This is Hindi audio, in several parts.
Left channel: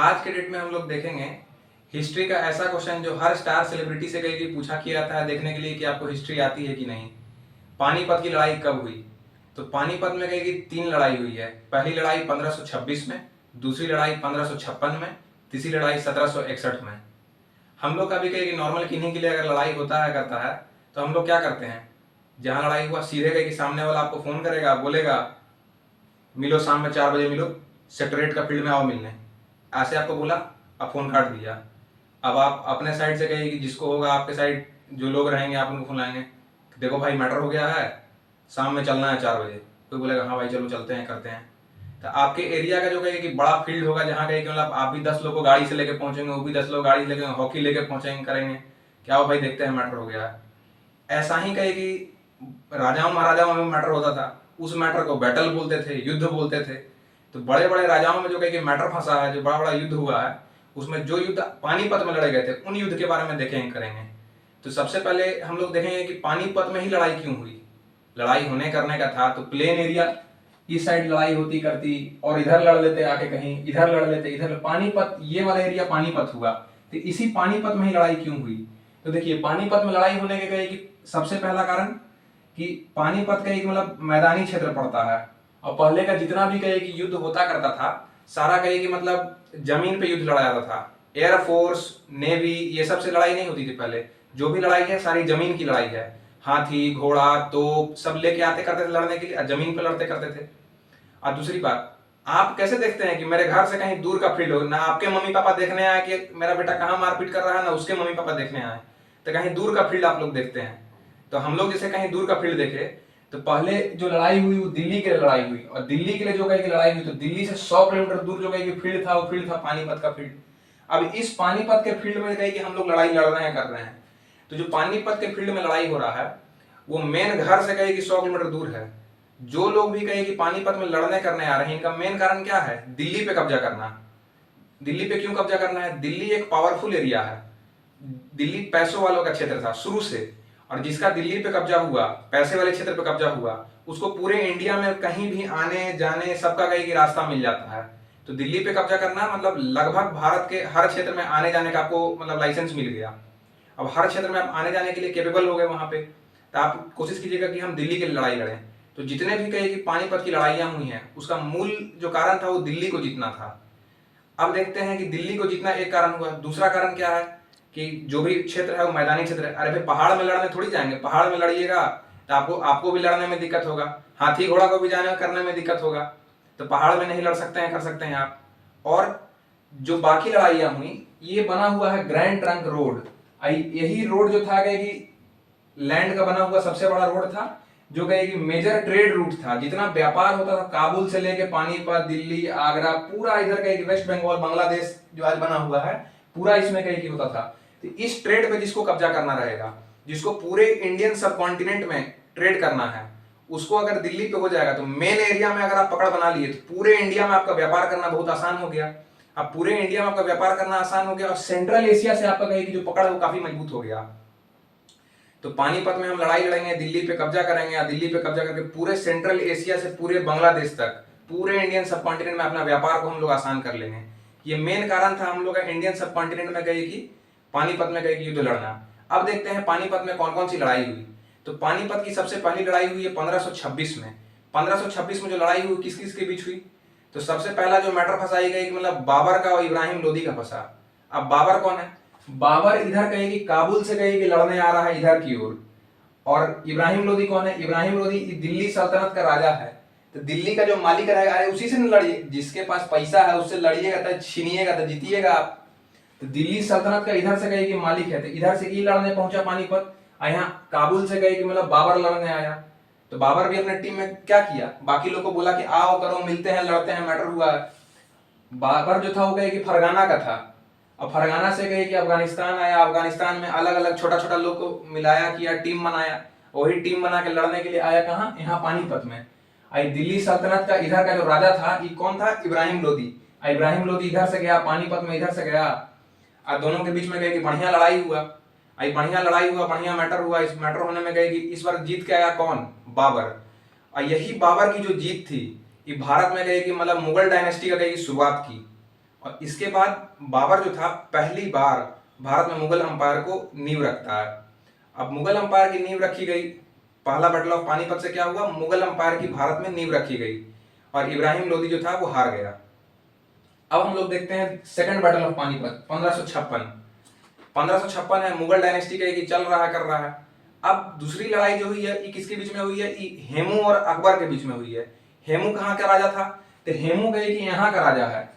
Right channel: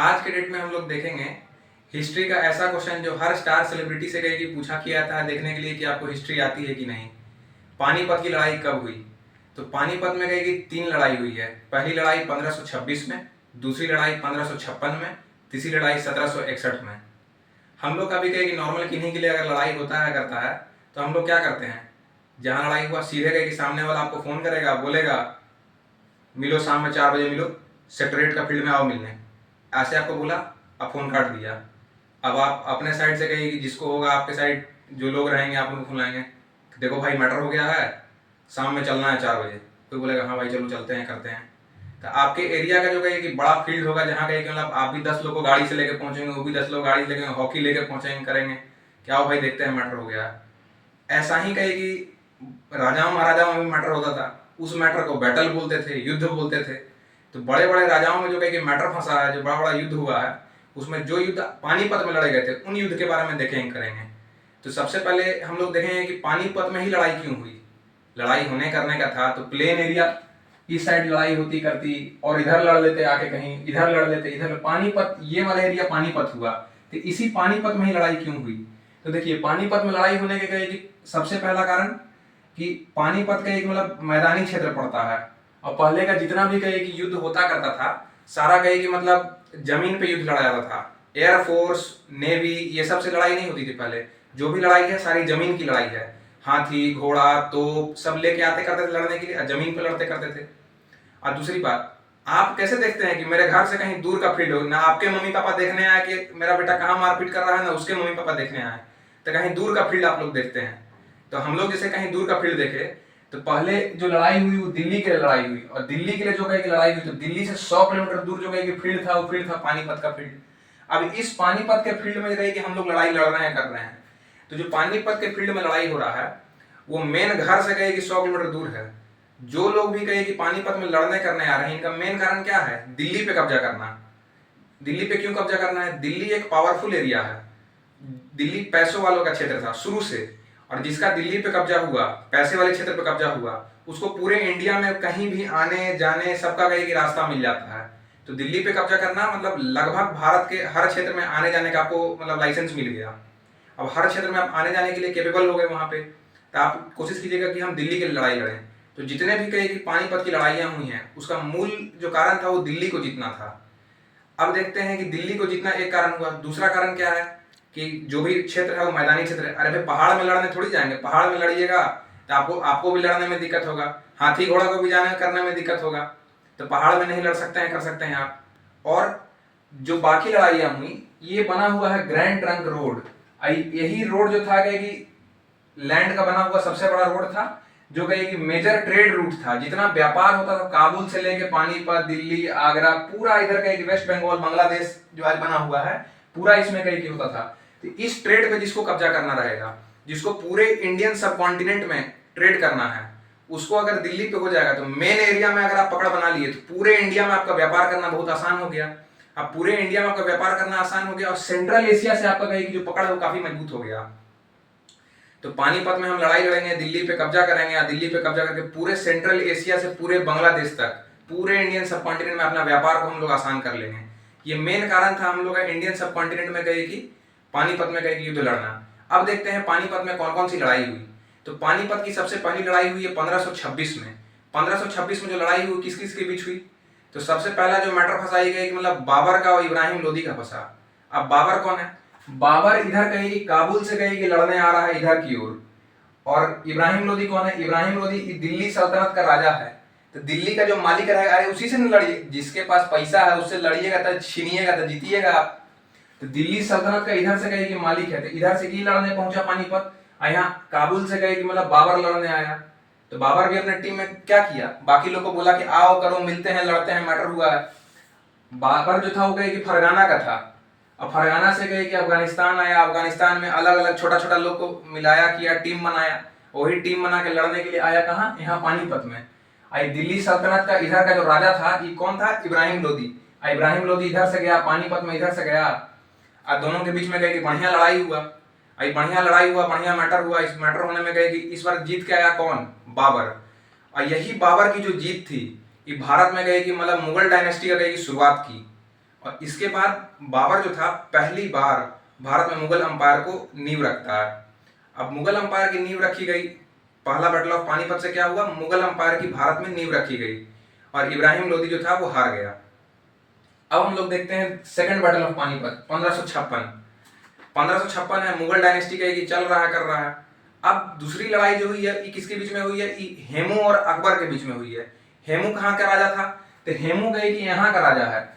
आज के डेट में हम लोग देखेंगे हिस्ट्री का ऐसा क्वेश्चन जो हर स्टार सेलिब्रिटी से कहीं कि पूछा किया था देखने के लिए कि आपको हिस्ट्री आती है कि नहीं। पानीपत की लड़ाई कब हुई? तो पानीपत में कहीं कि 3 लड़ाई हुई है। पहली लड़ाई 1526 में, दूसरी लड़ाई 1556 में, तीसरी लड़ाई 1761 में। हम लोग कभी कहीं नॉर्मल किन्हीं के लिए अगर लड़ाई होता है करता है तो हम लोग क्या करते हैं, जहाँ लड़ाई हुआ सीधे कहीं कि सामने वाला आपको फ़ोन करेगा, बोलेगा मिलो शाम में 4 बजे मिलो, सेक्रेटरीट का फील्ड में आओ मिलने। ऐसे आपको बोला, अब फ़ोन काट दिया। अब आप अपने साइड से कहिए कि जिसको होगा आपके साइड जो लोग रहेंगे आप उनको बुलाएंगे, देखो भाई मैटर हो गया है, शाम में चलना है 4 बजे। कोई बोलेगा हाँ भाई चलो चलते हैं करते हैं। तो आपके एरिया का जो कहिए कि बड़ा फील्ड होगा जहाँ कहिए कि मतलब आप भी 10 लोग को गाड़ी से लेके पहुँचेंगे, वो भी 10 लोग गाड़ी लेके हॉकी लेके पहुँचेंगे करेंगे, क्या हो भाई देखते हैं मैटर हो गया है। ऐसा ही कहे कि राजाओं महाराजाओं में मैटर होता था, उस मैटर को बैटल बोलते थे, युद्ध बोलते थे। तो बड़े बड़े राजाओं में जो कहे कि मैटर फंसा है, जो बड़ा बड़ा युद्ध हुआ है, उसमें जो युद्ध पानीपत में लड़े गए थे उन युद्ध के बारे में देखेंगे करेंगे। तो सबसे पहले हम लोग देखेंगे कि पानीपत में ही लड़ाई क्यों हुई। लड़ाई होने करने का था तो प्लेन एरिया, इस साइड लड़ाई होती करती और इधर लड़ लेते, आके कहीं इधर लड़ लेते, इधर पानीपत, ये वाला एरिया पानीपत हुआ। तो इसी पानीपत में ही लड़ाई क्यों हुई? तो देखिए पानीपत में लड़ाई होने के कहे कि सबसे पहला कारण कि पानीपत का एक मतलब मैदानी क्षेत्र पड़ता है, और पहले का जितना भी कहे कि युद्ध होता करता था सारा कहे कि मतलब जमीन पे युद्ध लड़ा जाता था। एयरफोर्स, नेवी, ये सब से लड़ाई नहीं होती थी पहले। जो भी लड़ाई है सारी जमीन की लड़ाई है। हाथी घोड़ा तोप सब लेके आते करते थे लड़ने के लिए, जमीन पे लड़ते करते थे। और दूसरी बात, आप कैसे देखते हैं कि मेरे घर से कहीं दूर का फील्ड हो, ना आपके मम्मी पापा देखने आए कि मेरा बेटा कहाँ मारपीट कर रहा है, ना उसके मम्मी पापा देखने आए, तो कहीं दूर का फील्ड आप लोग देखते हैं। तो हम लोग जैसे कहीं दूर का फील्ड देखे तो पहले जो लड़ाई हुई वो दिल्ली के लिए लड़ाई हुई, और दिल्ली के लिए जो कहीं की लड़ाई हुई तो दिल्ली से 100 किलोमीटर दूर जो कहीं फील्ड था वो फील्ड था पानीपत का फील्ड। अब इस पानीपत के फील्ड में कहीं कि हम लोग लड़ाई लड़ रहे हैं कर रहे हैं, तो जो पानीपत के फील्ड में लड़ाई हो रहा है वो मेन घर से कहीं कि 100 किलोमीटर दूर है। जो लोग भी कहे कि पानीपत में लड़ने करने आ रहे हैं, इनका मेन कारण क्या है? दिल्ली पे कब्जा करना। दिल्ली पे क्यों कब्जा करना है? दिल्ली एक पावरफुल एरिया है, दिल्ली पैसों वालों का क्षेत्र था शुरू से, और जिसका दिल्ली पे कब्जा हुआ, पैसे वाले क्षेत्र पे कब्जा हुआ, उसको पूरे इंडिया में कहीं भी आने जाने सबका कहीं कि रास्ता मिल जाता है। तो दिल्ली पे कब्जा करना मतलब लगभग भारत के हर क्षेत्र में आने जाने का आपको मतलब लाइसेंस मिल गया। अब हर क्षेत्र में आप आने जाने के लिए केपेबल हो गए वहां पे, तो आप कोशिश कीजिएगा कि हम दिल्ली के लिए लड़ाई लड़ें। तो जितने भी कहे कि पानीपत की लड़ाइयां हुई हैं उसका मूल जो कारण था वो दिल्ली को जीतना था। अब देखते हैं कि दिल्ली को जीतना एक कारण हुआ, दूसरा कारण क्या है कि जो भी क्षेत्र है वो मैदानी क्षेत्र है। अरे भाई पहाड़ में लड़ने थोड़ी जाएंगे, पहाड़ में लड़िएगा तो आपको आपको भी लड़ने में दिक्कत होगा, हाथी घोड़ा को भी जाने करने में दिक्कत होगा। तो पहाड़ में नहीं लड़ सकते हैं, कर सकते हैं आप। और जो बाकी लड़ाइयां हुई ये बना हुआ है ग्रैंड ट्रंक रोड। यही रोड जो था कि लैंड का बना हुआ सबसे बड़ा रोड था, जो कहे कि मेजर ट्रेड रूट था। जितना व्यापार होता था काबुल से लेके पानीपत, दिल्ली, आगरा, पूरा इधर कहे कि वेस्ट बंगाल, बांग्लादेश जो आज बना हुआ है पूरा इसमें कहे कि होता था। तो इस ट्रेड पे जिसको कब्जा करना रहेगा, जिसको पूरे इंडियन सब कॉन्टिनेंट में ट्रेड करना है, उसको अगर दिल्ली पे हो जाएगा तो मेन एरिया में अगर आप पकड़ बना लिए तो पूरे इंडिया में आपका व्यापार करना बहुत आसान हो गया। अब पूरे इंडिया में आपका व्यापार करना आसान हो गया और सेंट्रल एशिया से आपका कहे कि जो पकड़ है वो काफी मजबूत हो गया। तो पानीपत में हम लड़ाई लड़ेंगे, दिल्ली पे कब्जा करेंगे, और दिल्ली पे कब्जा करके पूरे सेंट्रल एशिया से पूरे बांग्लादेश तक पूरे इंडियन सब कॉन्टिनेंट में अपना व्यापार को हम लोग आसान कर लेंगे। ये मेन कारण था हम लोग का इंडियन सब कॉन्टिनेंट में गए कि पानीपत में गए कि युद्ध लड़ना। अब देखते हैं पानीपत में कौन कौन सी लड़ाई हुई। तो पानीपत की सबसे पहली लड़ाई हुई है 1526 में। 1526 में जो लड़ाई हुई किस किस के बीच हुई? तो सबसे पहला जो मैटर फंसाई गई मतलब बाबर का और इब्राहिम लोदी का फंसा। अब बाबर कौन है? बाबर इधर कहेगी काबुल से कहेगी लड़ने आ रहा है इधर की ओर। और इब्राहिम लोदी कौन है? इब्राहिम लोदी दिल्ली सल्तनत का राजा है। तो दिल्ली का जो मालिक रहेगा अरे उसी से न लड़िए, जिसके पास पैसा है उससे लड़िएगा तो छीनिएगा तो जीतिएगा आप। तो दिल्ली सल्तनत का इधर से कहेगी मालिक है, तो इधर से ये लड़ने पहुंचा पानीपत। यहाँ काबुल से कहेगी मतलब बाबर लड़ने आया। तो बाबर भी अपने टीम में क्या किया, बाकी लोग को बोला कि आओ करो मिलते हैं लड़ते हैं मैटर हुआ है। बाबर जो था वो कहे कि फरगाना का था, अब फरगाना से गए कि अफगानिस्तान आया, अफगानिस्तान में अलग अलग छोटा छोटा लोग को मिलाया किया, टीम बनाया, वही टीम बना के लड़ने के लिए आया कहाँ? यहाँ पानीपत में। आई दिल्ली सल्तनत का इधर का जो राजा था ये कौन था? इब्राहिम लोदी। इब्राहिम लोदी इधर से गया पानीपत में, इधर से गया, और दोनों के बीच में गए कि बढ़िया लड़ाई हुआ। आई बढ़िया लड़ाई हुआ, बढ़िया मैटर हुआ। इस मैटर होने में गए कि इस बार जीत के आया कौन? बाबर। और यही बाबर की जो जीत थी ये भारत में गए कि मतलब मुगल डायनेस्टी का गए की शुरुआत की। और इसके बाद बाबर जो था पहली बार भारत में मुगल अंपायर को नींव रखता है। अब मुगल अंपायर की नींव रखी गई, पहला बैटल ऑफ पानीपत से क्या हुआ, मुगल अंपायर की भारत में नींव रखी गई और इब्राहिम लोदी जो था वो हार गया। अब हम लोग देखते हैं सेकंड बैटल ऑफ पानीपत 1556 है, मुगल डायनेस्टी का ये चल रहा है कर रहा है। अब दूसरी लड़ाई जो हुई है ये किसके बीच में हुई है, ये हेमू और अकबर के बीच में हुई है। हेमू कहाँ का राजा था, तो हेमू कहे कि यहाँ का राजा है,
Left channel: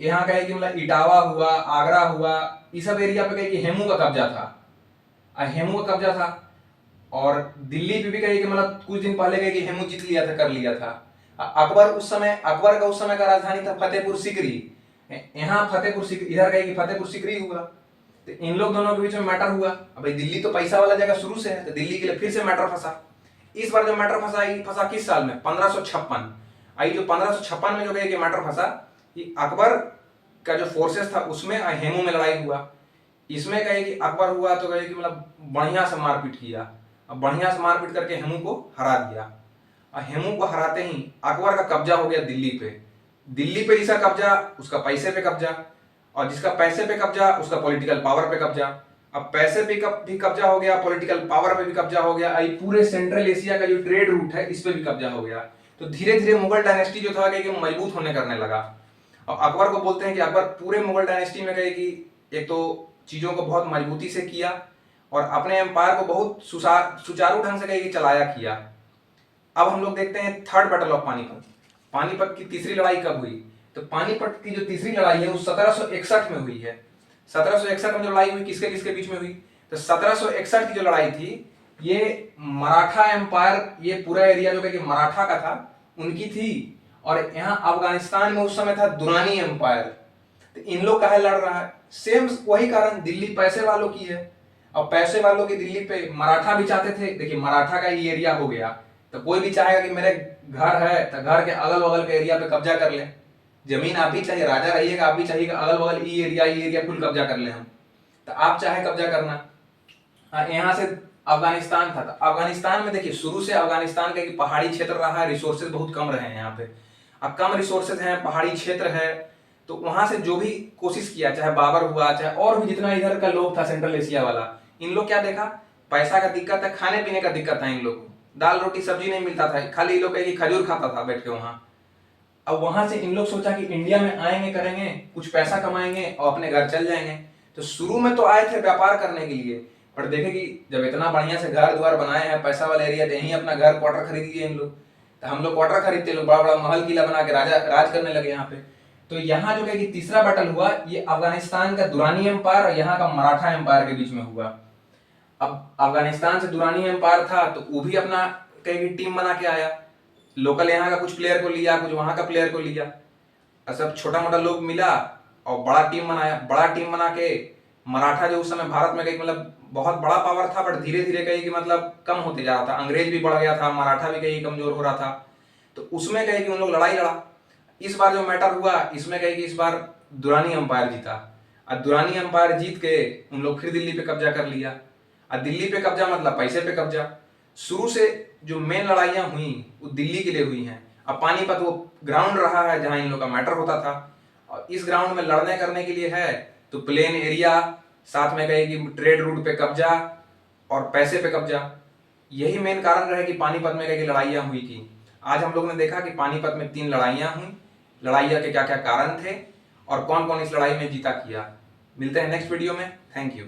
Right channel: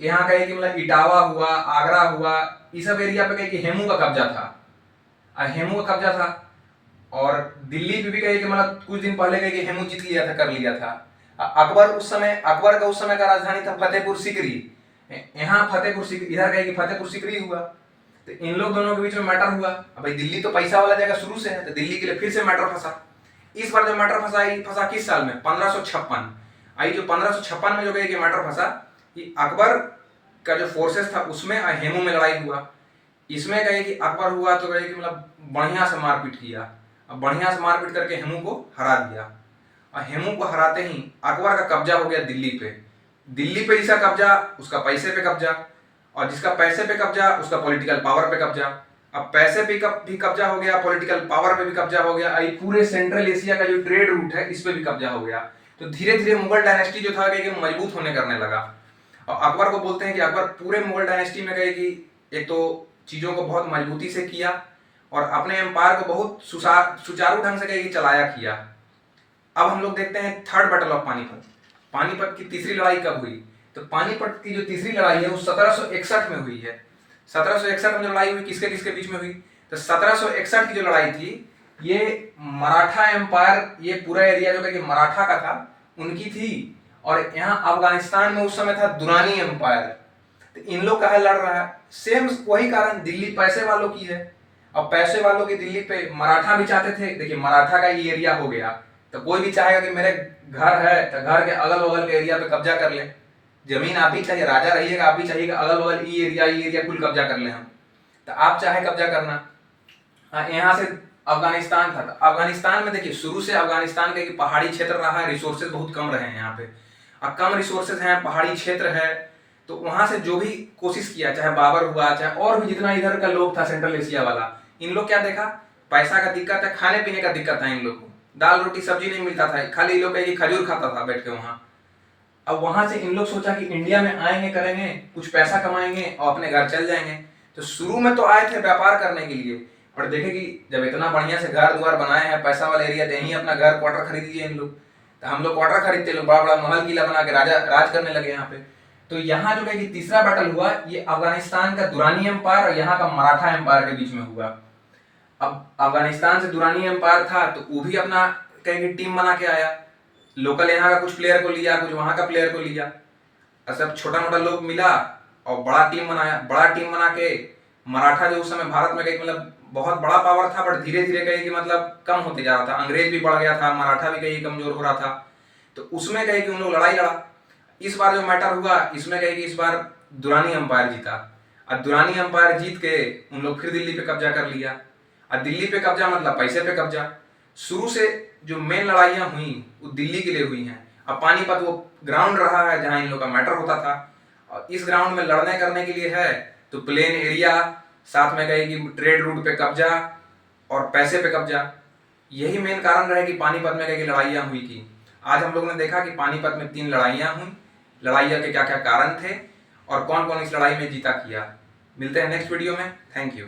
यहाँ कहे कि मतलब इटावा हुआ, आगरा हुआ, ये सब एरिया पे कहे कि हेमू का कब्जा था, हेमू का कब्जा था। और दिल्ली पे भी कहे कि मतलब कुछ दिन पहले कहे कि हेमू जीत लिया था, कर लिया था। अकबर का उस समय का राजधानी था फतेहपुर सीकरी, यहाँ फतेहपुर सीकरी, इधर कहे कि फतेहपुर सीकरी हुआ। तो इन लोग दोनों के बीच में मैटर हुआ। अब भाई दिल्ली तो पैसा वाला जगह शुरू से है, तो दिल्ली के लिए फिर से मैटर फंसा। इस बार जो मैटर फंसा किस साल में, 1556। आई जो 1556 में जो कहे कि मैटर फंसा, कि अकबर का जो फोर्सेस था उसमें हेमू में लड़ाई हुआ। इसमें कहे कि अकबर हुआ तो कहे कि मतलब बढ़िया से मारपीट किया, अब बढ़िया से मारपीट करके हेमू को हरा दिया। और हेमू को हराते ही अकबर का कब्जा हो गया दिल्ली पे। दिल्ली पे जिसका कब्जा उसका पैसे पे कब्जा, और जिसका पैसे पे कब्जा उसका पॉलिटिकल पावर पे कब्जा। अब पैसे पे भी कब्जा हो गया, पॉलिटिकल पावर पे भी कब्जा हो गया, पूरे सेंट्रल एशिया का जो ट्रेड रूट है इस पे भी कब्जा हो गया। तो धीरे धीरे मुगल डायनेस्टी जो था कि मजबूत होने करने लगा। और अकबर को बोलते हैं कि अकबर पूरे मुगल डायनेस्टी में कहे कि एक तो चीजों को बहुत मजबूती से किया और अपने एम्पायर को बहुत सुचारू ढंग से कहे कि चलाया किया। अब हम लोग देखते हैं third battle of Panipat. Panipat की तीसरी लड़ाई कब हुई, तो पानीपत की जो तीसरी लड़ाई है वो 1761 में हुई है। 1761 में जो लड़ाई हुई किसके किसके बीच में हुई, तो 1761 की जो लड़ाई थी ये मराठा एम्पायर, ये पूरा एरिया जो कि मराठा का था उनकी थी। और यहाँ अफगानिस्तान में उस समय था दुरानी एम्पायर। तो इन लोग काहे लड़ रहा है, सेम वही कारण, दिल्ली पैसे वालों की है। अब पैसे वालों की दिल्ली पे मराठा भी चाहते थे, देखिए मराठा का ये एरिया हो गया तो कोई भी चाहेगा कि मेरे घर है तो घर के अगल बगल के एरिया पे कब्जा कर ले। जमीन आप भी चाहिए, राजा रहिएगा, आप भी चाहिएगा अगल बगल ये एरिया कुल कब्जा कर ले हम, तो आप चाहे कब्जा करना। यहाँ से अफगानिस्तान था, तो अफगानिस्तान में देखिए शुरू से अफगानिस्तान का पहाड़ी क्षेत्र रहा है, रिसोर्सेज बहुत कम रहे हैं यहाँ पे। अब कम रिसोर्सेज हैं, पहाड़ी क्षेत्र है, तो वहां से जो भी कोशिश किया, चाहे बाबर हुआ चाहे और भी जितना इधर का लोग था सेंट्रल एशिया वाला, इन लोग क्या देखा, पैसा का दिक्कत है, खाने पीने का दिक्कत था इन लोग को, दाल रोटी सब्जी नहीं मिलता था, खाली इन लोग कहीं खजूर खाता था बैठ के वहां। अब वहां से इन लोग सोचा कि इंडिया में आएंगे, करेंगे कुछ पैसा कमाएंगे और अपने घर चल जाएंगे। तो शुरू में तो आए थे व्यापार करने के लिए, पर देखे कि जब इतना बढ़िया से घर द्वार बनाए हैं, पैसा वाला एरिया, तो यहीं अपना घर क्वार्टर खरीद लिए इन लोग। तो हम लोग क्वार्टर खरीदते, लोग बड़ा बड़ा महल किला बना के राजा राज करने लगे यहाँ पे। तो यहाँ जो है कि तीसरा बैटल हुआ ये अफगानिस्तान का दुरानी एम्पायर और यहाँ का मराठा एम्पायर के बीच में हुआ। अब अफगानिस्तान से दुरानी एम्पायर था तो वो भी अपना कहीं टीम बना के आया, लोकल यहाँ का कुछ प्लेयर को लिया, कुछ वहां का प्लेयर को लिया, और सब छोटा मोटा लोग मिला और बड़ा टीम बनाया। बड़ा टीम बना के मराठा जो उस समय भारत में कहीं मतलब बहुत बड़ा पावर था, बट धीरे धीरे कहीं कि मतलब कम होते जा रहा था, अंग्रेज भी बढ़ गया था, मराठा भी कहीं कमजोर हो रहा था। तो उसमें कहीं कि उन लोग लड़ाई लड़ा। इस बार जो मैटर हुआ इसमें कहीं कि इस बार दुरानी अंपायर जीता, और दुरानी अंपायर जीत के उन लोग फिर दिल्ली पे कब्जा कर लिया। और दिल्ली पे कब्जा मतलब पैसे पे कब्जा। शुरू से जो मेन लड़ाइयां हुई वो दिल्ली के लिए हुई हैं। अब पानीपत वो ग्राउंड रहा है जहां इन लोग का मैटर होता था, और इस ग्राउंड में लड़ने करने के लिए है तो प्लेन एरिया, साथ में कहे कि ट्रेड रूट पे कब्जा और पैसे पे कब्जा, यही मेन कारण रहे कि पानीपत में कई लड़ाइयां हुई थी। आज हम लोग ने देखा कि पानीपत में 3 लड़ाइयां हुई, लड़ाइयां के क्या क्या कारण थे और कौन कौन इस लड़ाई में जीता किया। मिलते हैं नेक्स्ट वीडियो में, थैंक यू।